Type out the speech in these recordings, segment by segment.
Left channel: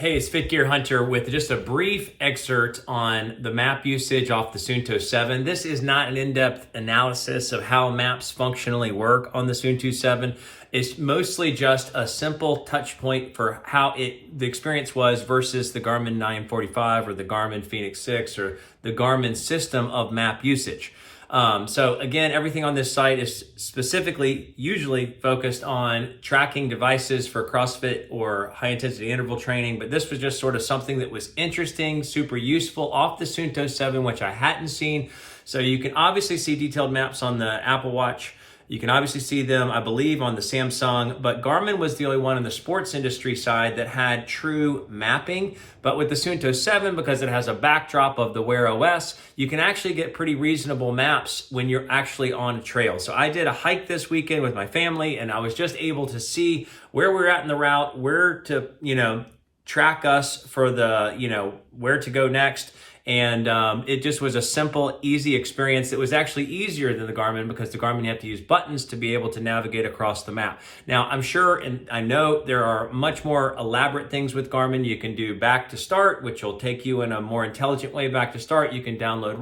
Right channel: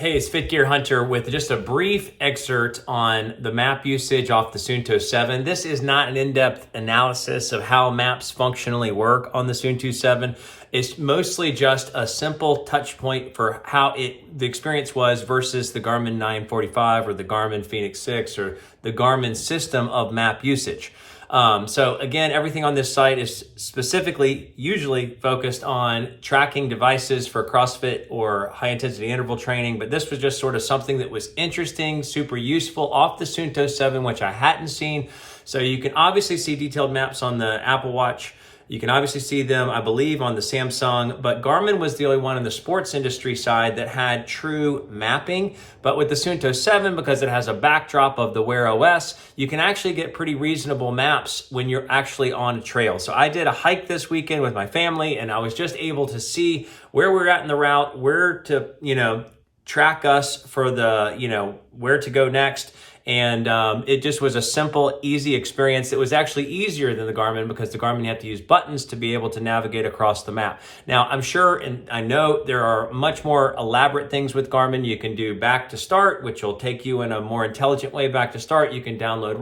Hey, it's Fit Gear Hunter with just a brief excerpt on the map usage off the Suunto 7. This is not an in-depth analysis of how maps functionally work on the Suunto 7. It's mostly just a simple touch point for how the experience was versus the Garmin 945 or the Garmin Fenix 6 or the Garmin system of map usage. So again, everything on this site is specifically usually focused on tracking devices for CrossFit or high intensity interval training, but this was just sort of something that was interesting, super useful off the Suunto 7, which I hadn't seen. So you can obviously see detailed maps on the Apple Watch. You can obviously see them, I believe, on the Samsung, but Garmin was the only one in the sports industry side that had true mapping. But with the Suunto 7, because it has a backdrop of the Wear OS, you can actually get pretty reasonable maps when you're actually on a trail. So I did a hike this weekend with my family, and I was just able to see where we're at in the route, where to, track us for the, where to go next. And it just was a simple, easy experience. It was actually easier than the Garmin because the Garmin, you have to use buttons to be able to navigate across the map. Now, I'm sure, and I know there are much more elaborate things with Garmin. You can do back to start, which will take you in a more intelligent way back to start. You can download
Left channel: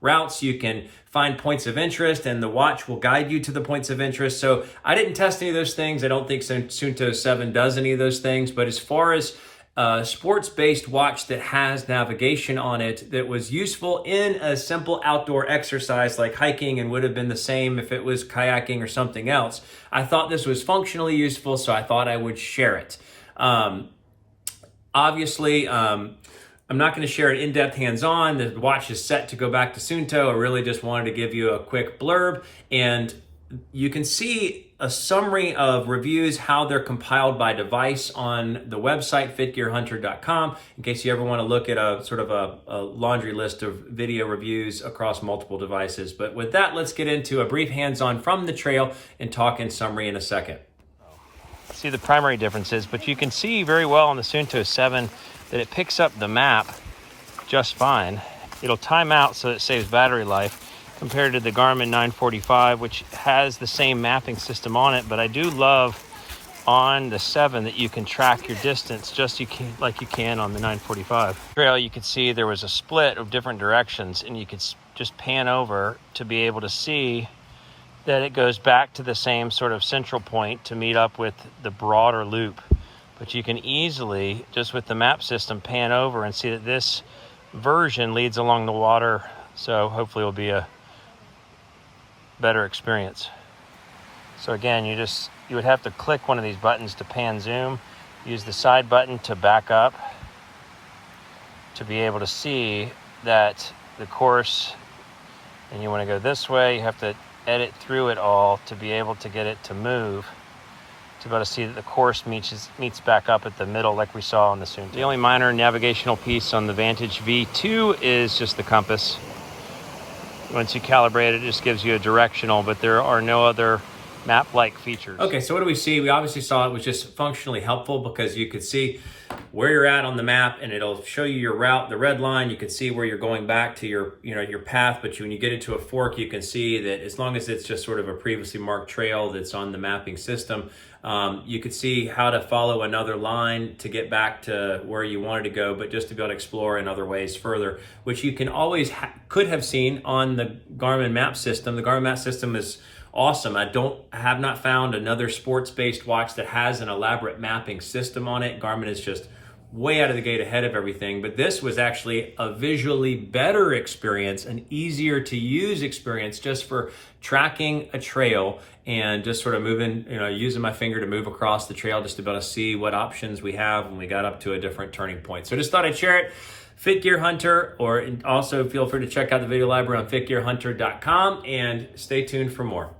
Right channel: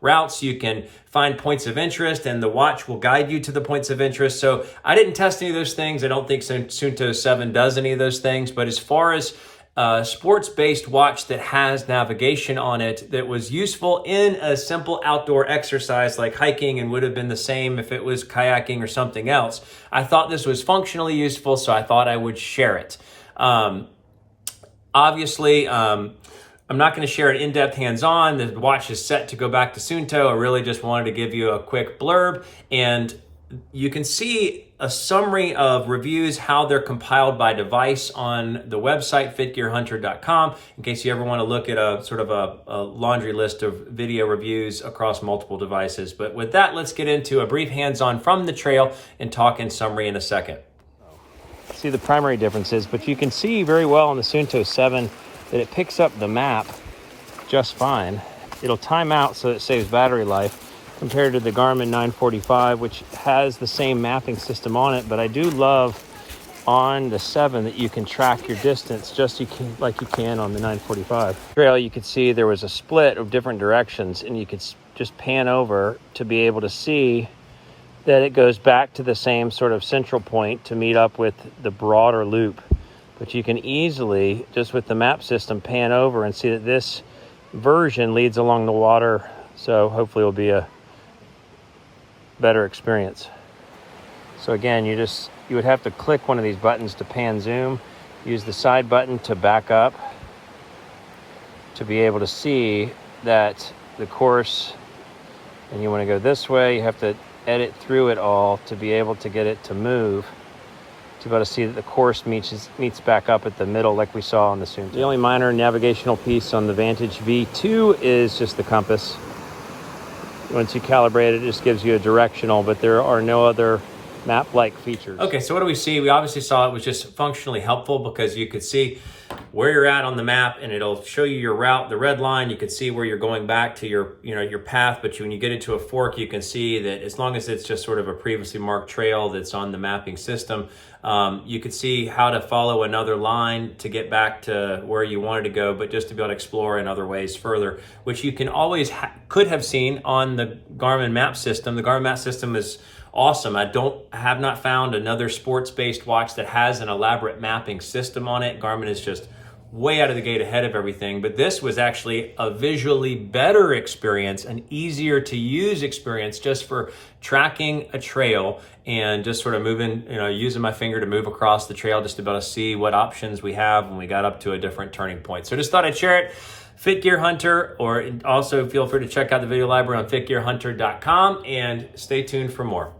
routes, you can find points of interest, and the watch will guide you to the points of interest. So I didn't test any of those things. I don't think Suunto 7 does any of those things, but as far as sports-based watch that has navigation on it that was useful in a simple outdoor exercise like hiking and would have been the same if it was kayaking or something else. I thought this was functionally useful, so I thought I would share it. Obviously, I'm not going to share it in-depth hands-on. The watch is set to go back to Suunto. I really just wanted to give you a quick blurb, and you can see a summary of reviews, how they're compiled by device on the website, fitgearhunter.com, in case you ever want to look at a sort of a laundry list of video reviews across multiple devices. But with that, let's get into a brief hands-on from the trail and talk in summary in a second. See the primary differences, but you can see very well on the Suunto 7 that it picks up the map just fine. It'll time out so it saves battery life, compared to the Garmin 945, which has the same mapping system on it. But I do love on the 7 that you can track your distance just like you can on the 945. Trail, you could see there was a split of different directions, and you could just pan over to be able to see that it goes back to the same sort of central point to meet up with the broader loop. But you can easily, just with the map system, pan over and see that this version leads along the water. So hopefully it'll be a better experience. So again, you would have to click one of these buttons to pan zoom, use the side button to back up to be able to see that the course, and you want to go this way, you have to edit through it all to be able to get it to move, to be able to see that the course meets back up at the middle like we saw on the Suunto. The only minor navigational piece on the Vantage V2 is just the compass. Once you calibrate it, it just gives you a directional, but there are no other map-like features. Okay, so what do we see? We obviously saw it was just functionally helpful because you could see where you're at on the map and it'll show you your route, the red line. You can see where you're going back to your path, but when you get into a fork, you can see that as long as it's just sort of a previously marked trail that's on the mapping system, you could see how to follow another line to get back to where you wanted to go, but just to be able to explore in other ways further, which you can always could have seen on the Garmin map system. The Garmin map system is awesome. I have not found another sports-based watch that has an elaborate mapping system on it. Garmin is just way out of the gate ahead of everything, but this was actually a visually better experience, an easier to use experience just for tracking a trail and just sort of moving, using my finger to move across the trail just to be able to see what options we have when we got up to a different turning point. So just thought I'd share it. Fit Gear Hunter, or also feel free to check out the video library on fitgearhunter.com and stay tuned for more.